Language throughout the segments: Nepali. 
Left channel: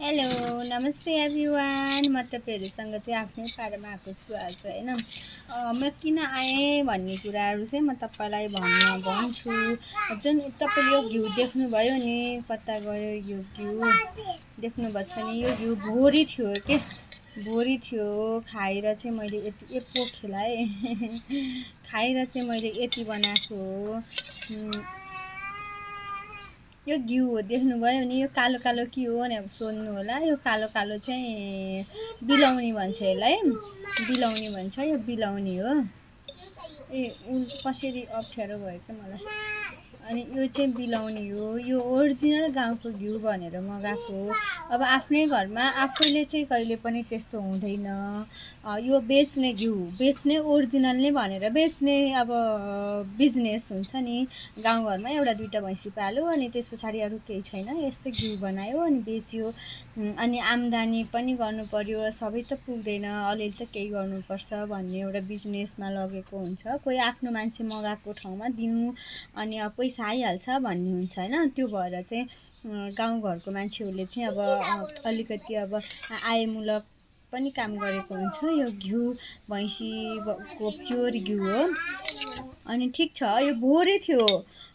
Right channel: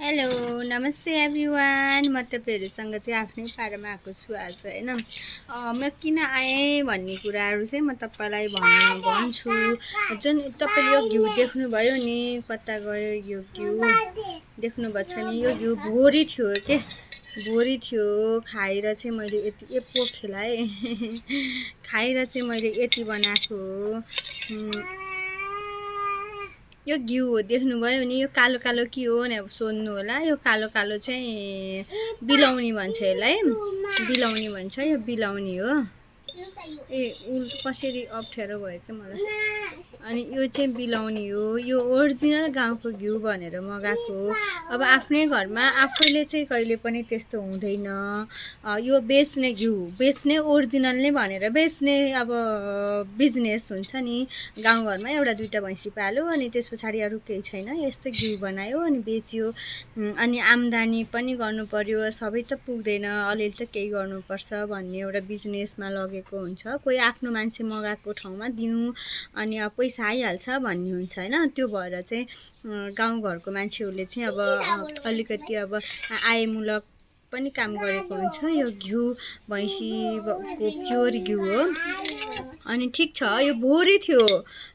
हेलो नमस्ते एभ्रिवान। म तपाईँहरूसँग चाहिँ आफ्नै पारामा आएको छु आज होइन। म किन आएँ भन्ने कुराहरू चाहिँ म तपाईँलाई भन्छु। जुन तपाईँले यो घिउ देख्नुभयो नि, कता गयो यो घिउ देख्नुभएको छ नि, यो घिउ भोरी थियो के, भोरी थियो। खाएर चाहिँ मैले यति पोखेलाई खाएर चाहिँ मैले यति बनाएको हो। यो घिउ हो, देख्नुभयो नि। यो कालो कालो के हो भनेर सोध्नु होला। यो कालो कालो चाहिँ बिलौनी भन्छ यसलाई, बिलौनी भन्छ। यो बिलौनी हो। ए कसरी अप्ठ्यारो भयो क्या मलाई। अनि यो चाहिँ बिलौनी हो। यो ओरिजिनल गाउँको घिउ भनेर मगाएको हो। अब आफ्नै घरमा आफैले चाहिँ कहिले पनि त्यस्तो हुँदैन। यो बेच्ने घिउ, बेच्ने ओरिजिनल नै भनेर बेच्ने अब बिजनेस हुन्छ नि। गाउँघरमा एउटा दुईवटा भैँसी पाल्यो अनि त्यस पछाडि अरू केही छैन, यस्तै घिउ बनायो अनि बेच्यो। अनि आम्दानी पनि गर्नु पर्यो, सबै त पुग्दैन, अलिअलि त केही गर्नुपर्छ भन्ने एउटा बिजनेसमा लगेको हुन्छ। कोही आफ्नो मान्छे मगाएको ठाउँमा दिउँ अनि अब पैसा आइहाल्छ भन्ने हुन्छ होइन। त्यो भएर चाहिँ गाउँघरको मान्छेहरूले चाहिँ अब अलिकति अब आयमूलक पनि काम गरेको हुन्छ। यो घिउ भैँसीको प्योर घिउ हो। अनि ठिक छ, यो भोरी थियो,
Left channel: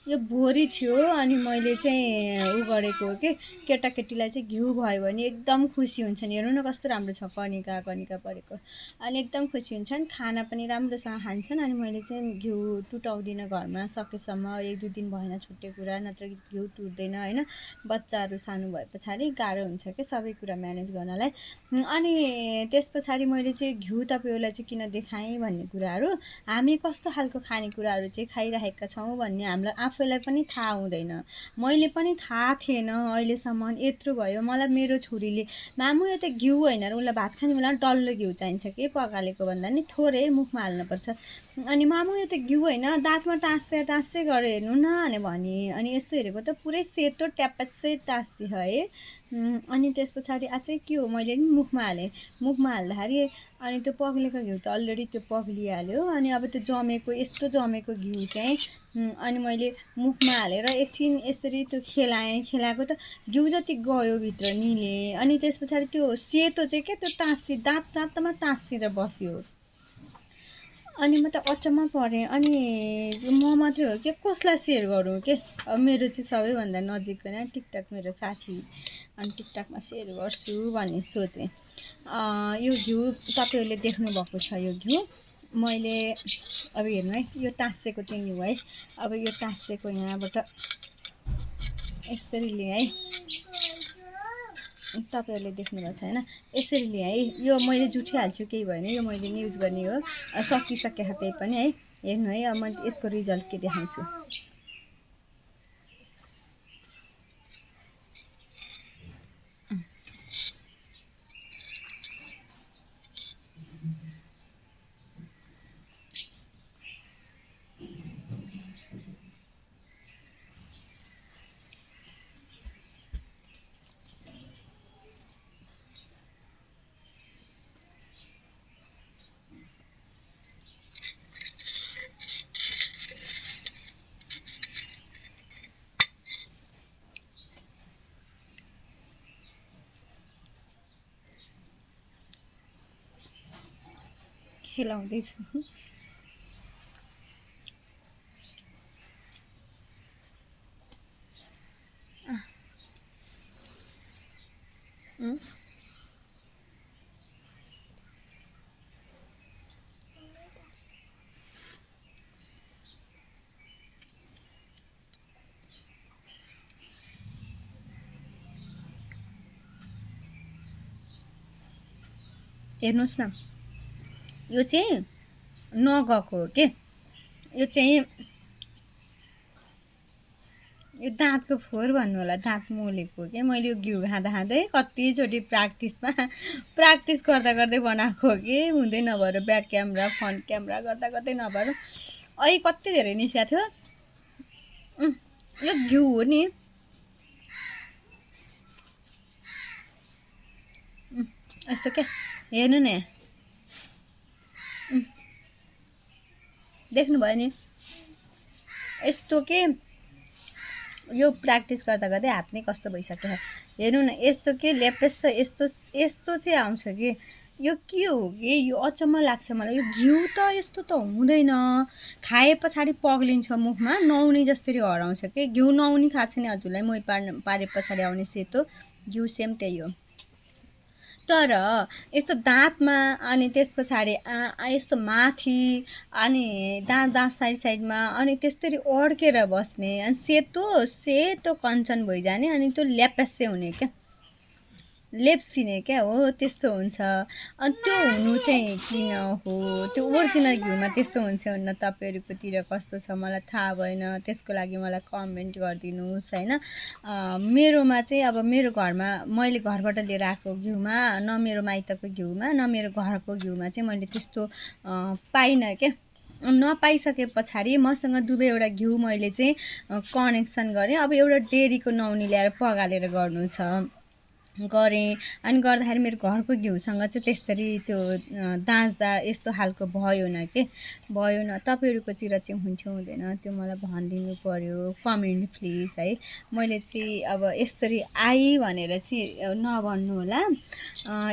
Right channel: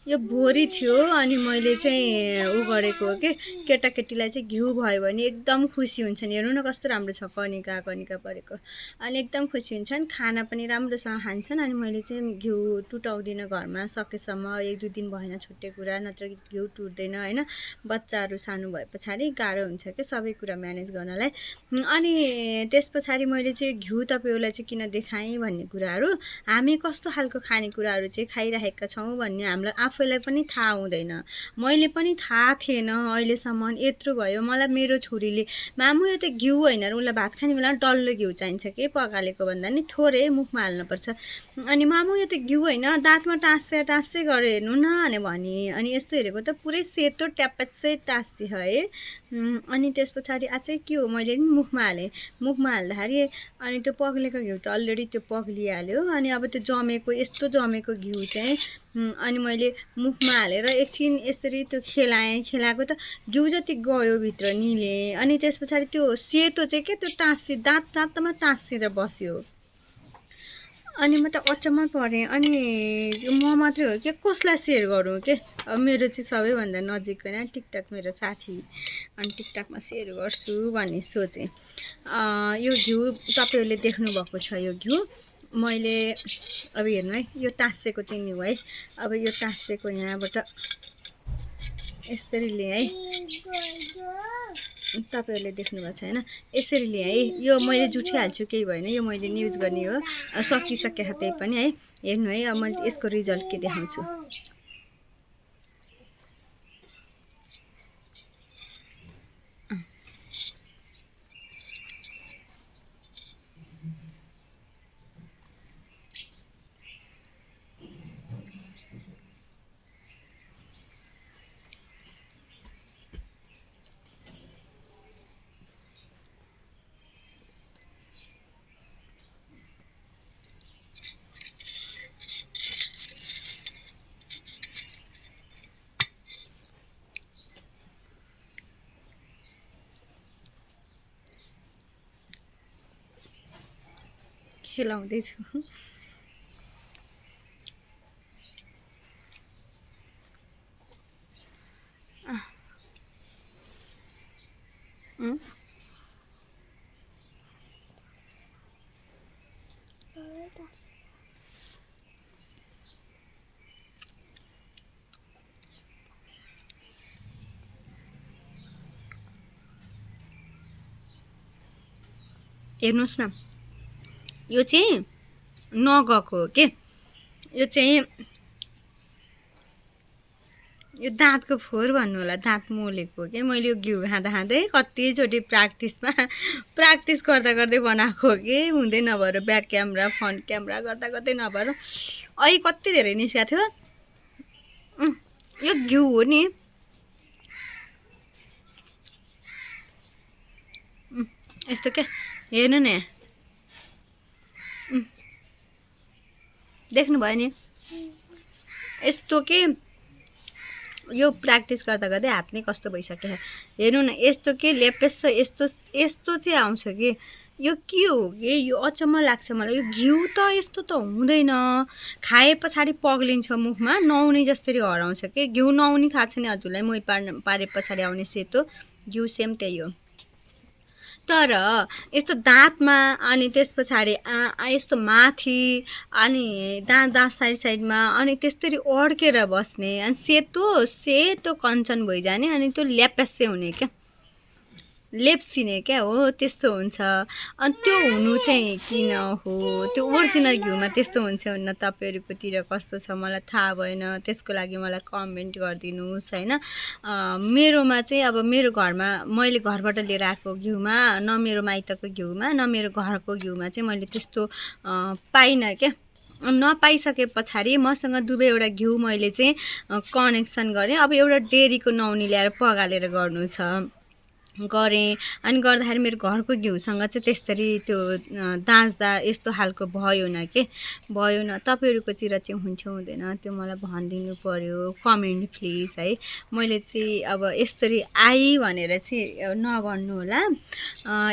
यो भोरी थियो। अनि मैले चाहिँ उ गरेको हो कि केटाकेटीलाई चाहिँ घिउ भयो भने एकदम खुसी हुन्छन्। हेर्नु न कस्तो राम्रो छ, कनिका कनिका परेको। अनि एकदम खुसी हुन्छन्, खाना पनि राम्रोसँग खान्छन्। अनि मैले चाहिँ घिउ टुटाउँदिनँ घरमा, सकेसम्म 1-2 दिन भएन छुट्टै कुरा, नत्र घिउ टुट्दैन होइन। बच्चाहरू सानो भए पछाडि गाह्रो हुन्छ क्या सबै कुरा म्यानेज गर्नलाई। अनि त्यस पछाडि मैले चाहिँ घिउ तपाईँहरूलाई चाहिँ किन देखाएँ भन्ने कुराहरू, हामी कस्तो खालको खानेकुराहरू चाहिँ खाइरहेका छौँ भन्ने हामीलाई आफैलाई पनि थाहा हुँदैन। मैले पनि थाहा थिएन अहिलेसम्म। यत्रो भयो मलाई मेरो छोरीले, मामु यो त घिउ होइन र, उसलाई भात खाने बेला डल्लो घिउ चाहिन्छ कि पकालेको भन्दा नि थोरै मुखमा हाल्नुपर्छ। अनि मामु यो त घिउ होइन, दाँतमा टाँस्दै गरेर हेर्नु न भने। अनि यस्तो हेरेको त पुरै सेतो ट्याप्पै टाँस्यो है। अनि त्यस पछाडि अझै के हो, मैले नि मुखमा हालेँ। मुखमा हाल्दाखेरि अनि त्यो पग्लेको घिउ त अलरेडी त्यो पग्लिहाल्यो। अनि अब त्यो जमेको, यस्तो जमेको घिउ चाहिँ अनि मैले मुखमा हालेर एकछिन यसरी त्यो खेलाएको त घिउ जति गयो भित्र निले। अनि त्यस पछाडि त्यो सेतो चाहिँ के, त्यो दाँतमा टाँसिएर बस्यो। अनि म त अचम्म परेँ। अनि म मात्रै हो कि कसलाई सेयर गरौँ के, अब मेरो चाहिँ सबैभन्दा नजिकको होइन टिकटक मेरो साथी, अनि टिकटकमा सेयर गर्छु भन्ने सोचेँ। यो घिउ तपाईँहरूले देख्नुभएको छ। यो घिउ मैले अब हेर्नु है, यो टाँसेको चाहिँ घिउ है। अब यो टाँसेको यहाँबाट यसरी लिएँ है, तपाईँहरूले देख्नुभएको छ होइन, यसरी लिएँ है। यो मैले जुठिहाल्छु केही भएन, यो मैले नि युज गर्ने हो, सकिसके त्यही पनि है। हेर्नु है, अब मैले यसको रिजल्ट के देखाउँछु। खेलाउँदैछु। हेर्नुहोस् न, यो चाहिँ नगएको हो के, यो चाहिँ यो दाँतको फोहोर भन्नु होला, दाँत मोलेको हो कि। मैले यो घिउ खाँदै कतिचोटि प्र्याक्टिस गर्दै बनाएको हो कि, हुँदै नभएर ब्याक क्यामेरा फ्रन्ट क्यामेरा गर्दै नभएर अहिले कति धेरै निस्केको थियो। यो घिउ हो नि, यस्तो क्या, हेर्नु न, देख्नुभयो नि, यस्तो के यो प्र्याक्टिस गर्दा गर्दै हात नै कस्तो भइसक्यो हेर्नु न यस्तो के लेपेस यस्तो यस्तो चाहिँ आउँछ कि यो के हो कि यो अचम्म लाग्छ मलाई यो घिउ त यस्तो त हुँदैन खाए पछाडि पग्लिन्छ मुखमा नुहाउने जसरी हराउँछ कि घिउ नुहाउने खाएको छ नि हजुरलाई मही पारे पछाडि आउने सेतो घिउ सेम त्यही हो तर यस्तो दाँतमा अनि त्यस पछाडि यस्तो माथि अनि दाँत साइडमा अनि त्यसरी अड्केर बस्ने अनि सेतो कञ्चन भइजाने अनि त्यो ल्याप्यासे हुने क्या लेप्सिने क्या हो त्यस्तो हुन्छ अनि त्यो हुनु चाहिँ किन हो त्यो ओरिजिनल घिउमा त्यस्तो हुन्छ भने तपाईँहरूकोतिर कस्तो छ मलाई थाहा भएन त्यसको लागि मलाई कमेन्ट गरिदिनुहोस् होइन मेरोमा चाहिँ अब मेरो घरमा मैले घरबाट लिएर आएको घिउमा न मेरो माइतको घिउमा न मेरो घरको घिउमा चाहिँ मैले त्यस्तो पाइनँ क्या नपाइसके पछाडि मसँग दुवैवटा घिउ मैले चाहिँ कनेक्सन गरेँ अब एउटा डेरीको नुहाउने ल्याएर पगालेर गर्नु छ गरेँ अनि गर्दाखेरि मेरो घरको घिउसँग चाहिँ त्यसरी त्यो दाँच्दा यस्तो खालको भयो न के भयो न तपाईँहरूकोतिर चाहिँ हुन्छ हुँदैन त्यो मलाई भनिदिनु पर्यो कमेन्ट प्लिज है मैले चाहिँ अब यसरी आई भनेर चाहिँ नभन्नु होला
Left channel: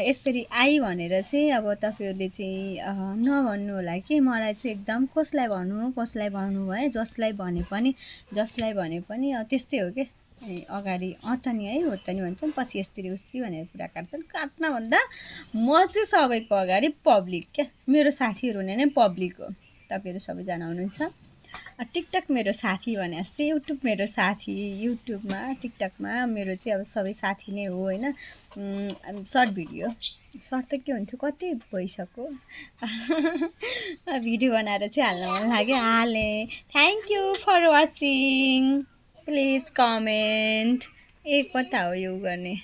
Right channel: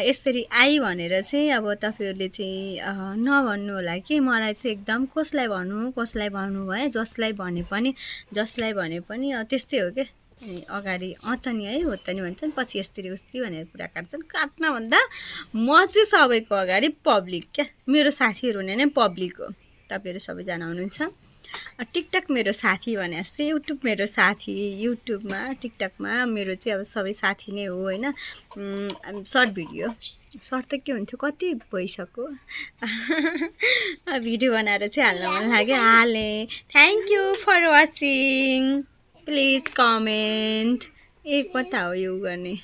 यसरी आई भनेर चाहिँ अब तपाईँहरूले चाहिँ नभन्नु होला कि मलाई चाहिँ एकदम कसलाई भन्नु है जसलाई भने पनि त्यस्तै हो क्या अगाडि त नि है हो त नि भन्छन् पछि यस्तरी उस्ती भनेर कुरा काट्छन् काट्न भन्दा म चाहिँ सबैको अगाडि पब्लिक क्या मेरो साथीहरू नै पब्लिक हो तपाईँहरू सबैजना हुनुहुन्छ टिकटक मेरो साथी भने जस्तै युट्युब मेरो साथी युट्युबमा टिकटकमा मेरो चाहिँ अब सबै साथी नै हो होइन सर्ट भिडियो सर्ट त के हुन्थ्यो कति भइसक्यो भिडियो बनाएर चाहिँ हाल्न मन लाग्यो हालेँ thank you for watching please comment कता हो यो गर्ने